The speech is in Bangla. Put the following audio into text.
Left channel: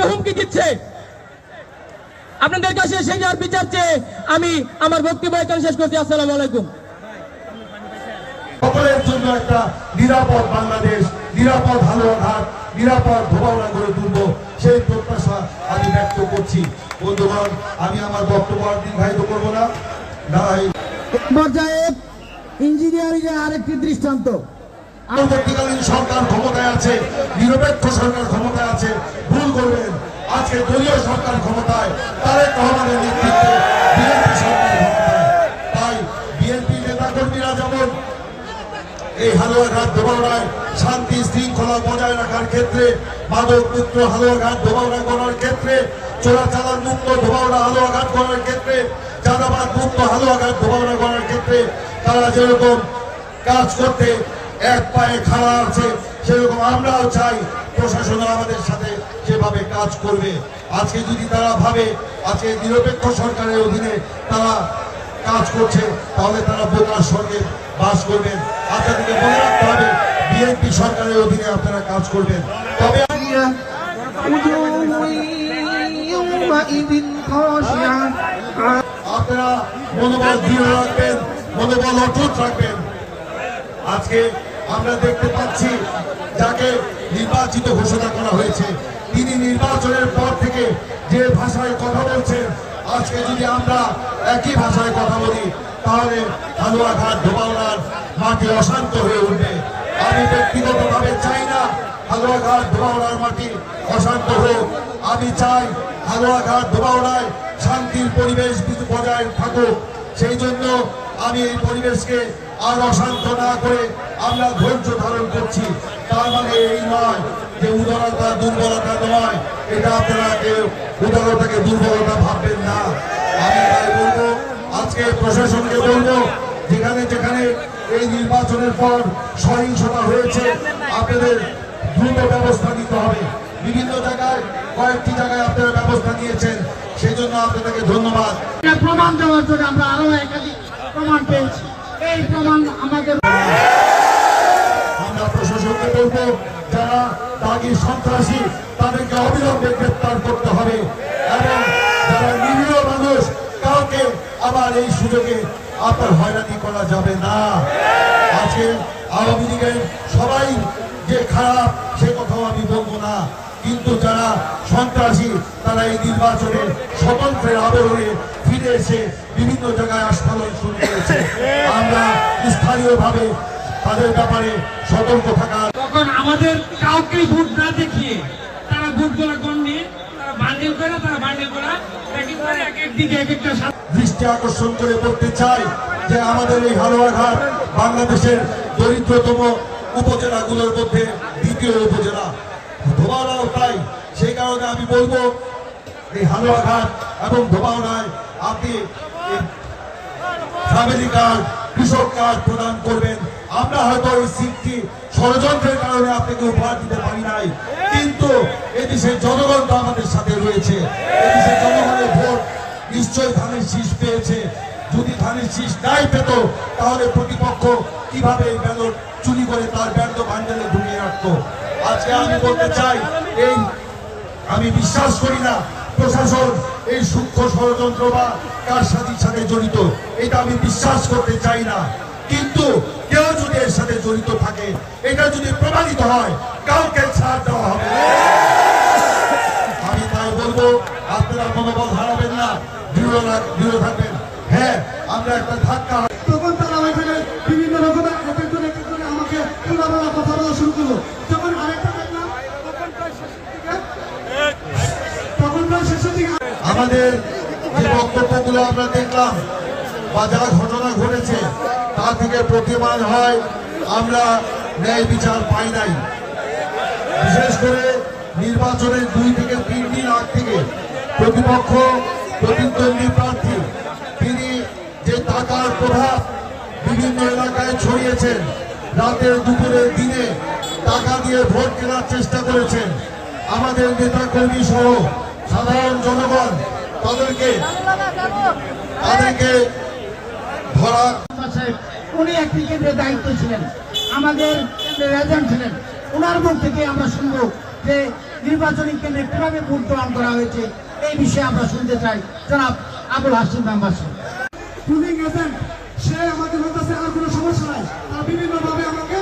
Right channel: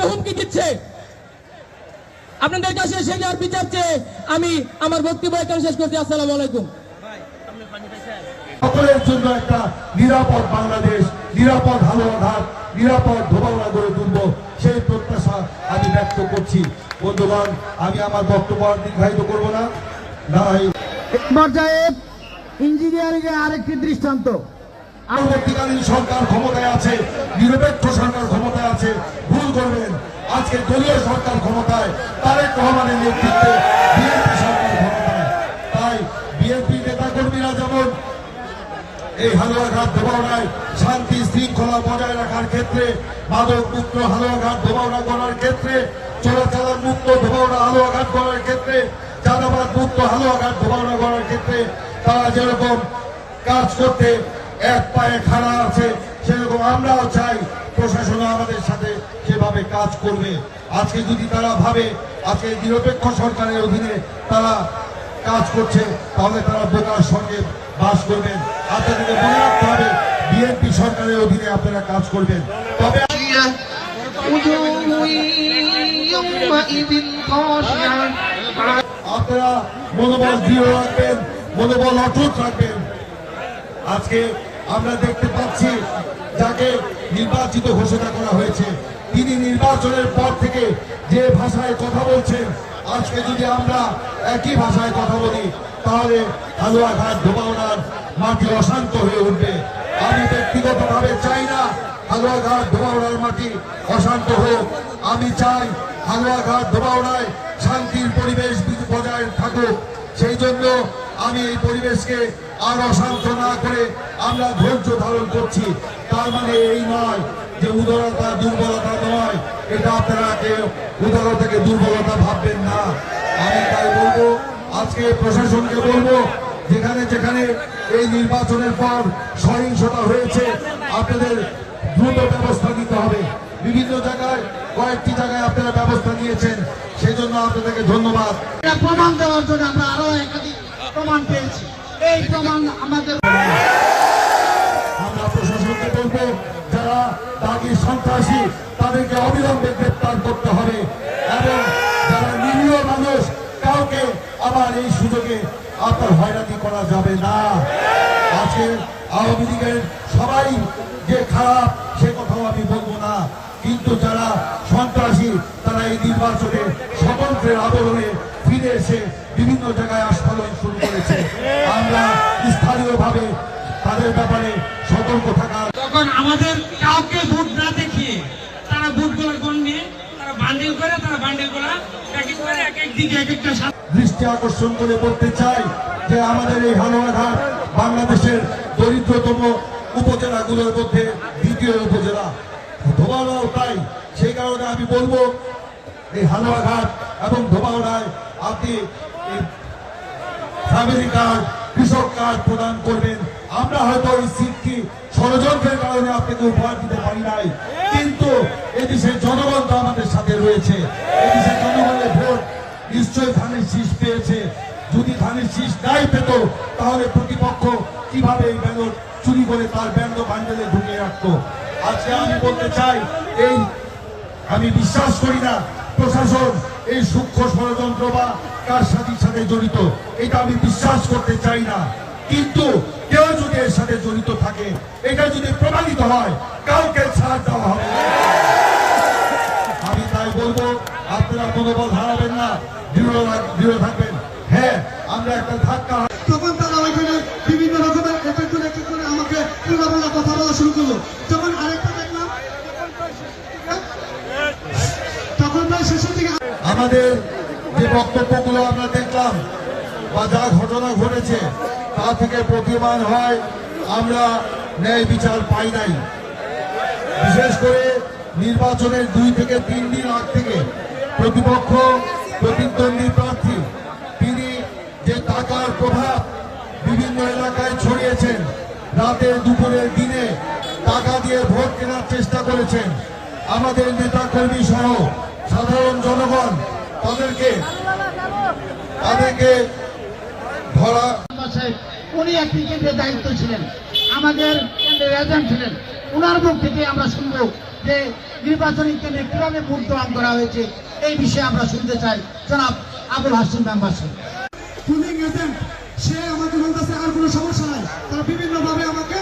রূপে হুমকি দিচ্ছে। আপনাদের কাছে সেই আর বিচার চেয়ে আমি আমার বক্তব্য এখানে শেষ করছি। আসসালামু আলাইকুম। সকলের জন্য একটা নিরাপদ বাংলাদেশ, নিরাপদ হালুয়াঘাট, নিরাপদ ধোবাউড়া গড়ে তুলব, সেই প্রত্যাশা আমি ব্যক্ত করছি। বন্ধুগণ, আমি আমার বক্তব্য দীর্ঘায়িত করবো না। পর্যায়ে ইঞ্জিনিয়ারিং এর আরেকটি দৃষ্টান্ত। পরবর্তীকালীন সরকার ক্ষমতায় আছে, নিরপেক্ষ সরকার ক্ষমতায় আছে, ভুল করবেন। আজকে দলীয় সরকার ক্ষমতায়, তারেক রহমানের নেতৃত্বে বিএনপি সরকার ক্ষমতায়। তাই বিএনপি নেতাকর্মীরা যেমন এই হালুয়াঘাট ধোবাউড়ায় শান্তি শৃঙ্খলা বজায় রাখার ক্ষেত্রে, মাদক মুক্ত হালুয়াঘাট ধোবাউড়া করার ক্ষেত্রে, চোরাচালান মুক্ত ধোবাউড়া হালুয়াঘাট করার ক্ষেত্রে, চাঁদাবাদ মুক্ত হালুয়াঘাট ধোবাউড়া করার ক্ষেত্রে তারা যেরকম কাজ করতে এক পায়ে খাড়া আছে, সেরকম আমরাও চাই প্রশাসন আমাদের সাথে যেভাবে কাজ করবে। আজকে যদি তারা ভাবে আজকে নিরপেক্ষ সরকারের অধীনে তারা কাজ করছে, তাহলে তারা বোকার সঙ্গে বাস করবেন। আপনাদেরকে মনে রাখতে হবে বিএনপি সরকারের অধীনে আপনারা কাজ করবেন। তবে আপনারা মনোবল দৃঢ় রাখবেন, মনোবল অটুট রাখবেন। আজকে আমরা দেখতে পাচ্ছি যাকে নির্বাচিত ঘোষণা করা হয়েছে, তিনি নির্বাচনের পর থেকে যে ভাষায় কথা বলছেন, আজকে যদি আমরা একই ভাষায় কথা বলি তাহলে হালুয়াঘাট ধোবাউড়ার মাটি অশান্ত হয়ে উঠবে। আমি ব্যক্তিগতভাবে চাই না হালুয়াঘাট ধোবাউড়ার মাটি অশান্ত হোক। আমি চাই হালুয়াঘাট ধোবাউড়ায় শান্তির পরিবেশ বজায় থাকুক। সেই জন্য আমি এই পরিবেশকে আর অশান্ত না করে আমরা ধৈর্য ধারণ করছি। তার মানে এই নয় যে উদারতা দুর্বলতা নয়, এটা আপনারা কেউ উদারতাকে দুর্বলতা ভাববেন না। আমি তাই বলবো, আজকে প্রশাসনকে বলবো, যেখানে যেখানে এই নির্বাচনের পর সহিংসতা হয়েছে আপনাদের দ্রুত ব্যবস্থা নিতে হবে। বিভিন্ন জায়গায় কয়েকটি জায়গায় আপনারা ব্যবস্থা নিয়েছেন, সেই জন্য আপনাদেরকে ধন্যবাদ। প্রমাণ দেওয়ার জন্য আমরা আরো একাধিক প্রমাণ পেয়েছি। এই প্রমাণ আমাদের, আমরা প্রশাসনকে বলবো, যারা দাগি সন্ত্রাসী তাদেরকে অবিলম্বে গ্রেপ্তার করতে হবে এবং যারা নিরীহ মানুষ কাউকে আবার এই সুযোগে আপনার হয়রানি করা যাবে না। আজকে আওয়ামী লীগের সবাই যে খারাপ সে কথাও আমি বলবো না, কিন্তু যারা সন্ত্রাসী তারা এই নির্বাচনে স্বতন্ত্রের আবরণে ফিরে এসে বিভিন্ন জায়গায় আস্ফালন শুরু করেছে। আমরা স্থানীয়ভাবে তাদের ব্যাপারে সতর্ক থাকা। তখন আমাদের কাউকে ভোট না দেখিয়ে তারা ভোট করা গণ্যে তারা বান্ডিল করে, তারা বান্ডিল করা এক এক দিকে এক একটা দৃষ্টি আকর্ষণ করে বলতে চাই যে আমাদের এই হালুয়াঘাট বাংলাদেশের দরিদ্রতম উপজেলাগুলোর মধ্যে দ্বিতীয় উপজেলা, ধোবাউড়াও তাই। সেই কারণে আমি বলবো এই হালুয়াঘাট এবং ধোবাউড়ায় আপনি ফ্যামিলি কার্ড, কৃষক কার্ড প্রদান করবেন। আমরা হয়তো এই সিটটি ষড়যন্ত্রের কারণে আপনাকে উপহার দিতে পারি নাই, কিন্তু এদেশের জনগণ তো আমাদের সাথে রয়েছে। এদেশের জনগণের ভোট নিশ্চয়ই ধানের শীষ পেয়েছে। যদি ধানের শীষ নাই পেত তাহলে প্রতিপক্ষ কিভাবে এই ব্যালট চুরি করে তার ব্যালট বান্ডেলে ঢুকিয়ে রাখতো। আজকে আমি বলতে চাই, এই আমি বিশ্বাস করি না প্রশাসন এই সূক্ষ্ম ষড়যন্ত্র বা কার সাথে জড়িত, এটা আমি বিশ্বাস করতে চাই না। কিন্তু কেউ যদি এর সাথে জড়িত থাকে, এটা যদি প্রমাণিত হয়, কাউকে ছাড় দেওয়া হবে। আমি তাই বলবো, আপনারা মনোবল হারাবেন না, দৃঢ় থাকবেন। হ্যাঁ, আমরা একটা ধাক্কা, তখন তারা ওইখানে বিভিন্ন রকমের একজন আমাকে তুলাবলা কথা বলা শুরু করলো। যখন আরেকটা দেখলাম তখন শেষের দিকে আমাদের যে বক্তব্যগুলো আমরা দেখলাম বা যা ঘটনা ঘটেছে তা থেকে প্রতীয়মান হয় আমরা ন্যায় বিচার পাই নাই। বিশেষ করে নির্বাচনের 2 থেকে 3 দিন আগ থেকে প্রতিপক্ষ প্রতিদ্বন্দ্বী প্রার্থী তিনি যে টাকার প্রভাব বিভিন্ন এলাকায় ছড়িয়েছেন, রাতের দুপুরের দিনে টাকা দিয়ে ভোট কেনার চেষ্টা করেছেন। আমাদের নেতা কর্মী সহ সাধারণ জনগণ তাদেরকে ধরা, উনি একটি কেন্দ্রের দায়িত্ব ছিলেন, আমাদের কেন্দ্রের এজেন্ট ছিলেন। ওনার মুখ থেকে আমরা শুনবো যে নির্বাচনী কেন্দ্রে কিভাবে ভোট গ্রহণ করা হয়েছে এই বিষয়ে আমরা শুনতে চাই জনাব আবুল হাসিম মেম্বার সাহেব। পুলিং এজেন্ট সে আমাকে বলতেছে আর কোনো সমস্যা নাই, তারা বিভিন্নভাবে আমাকে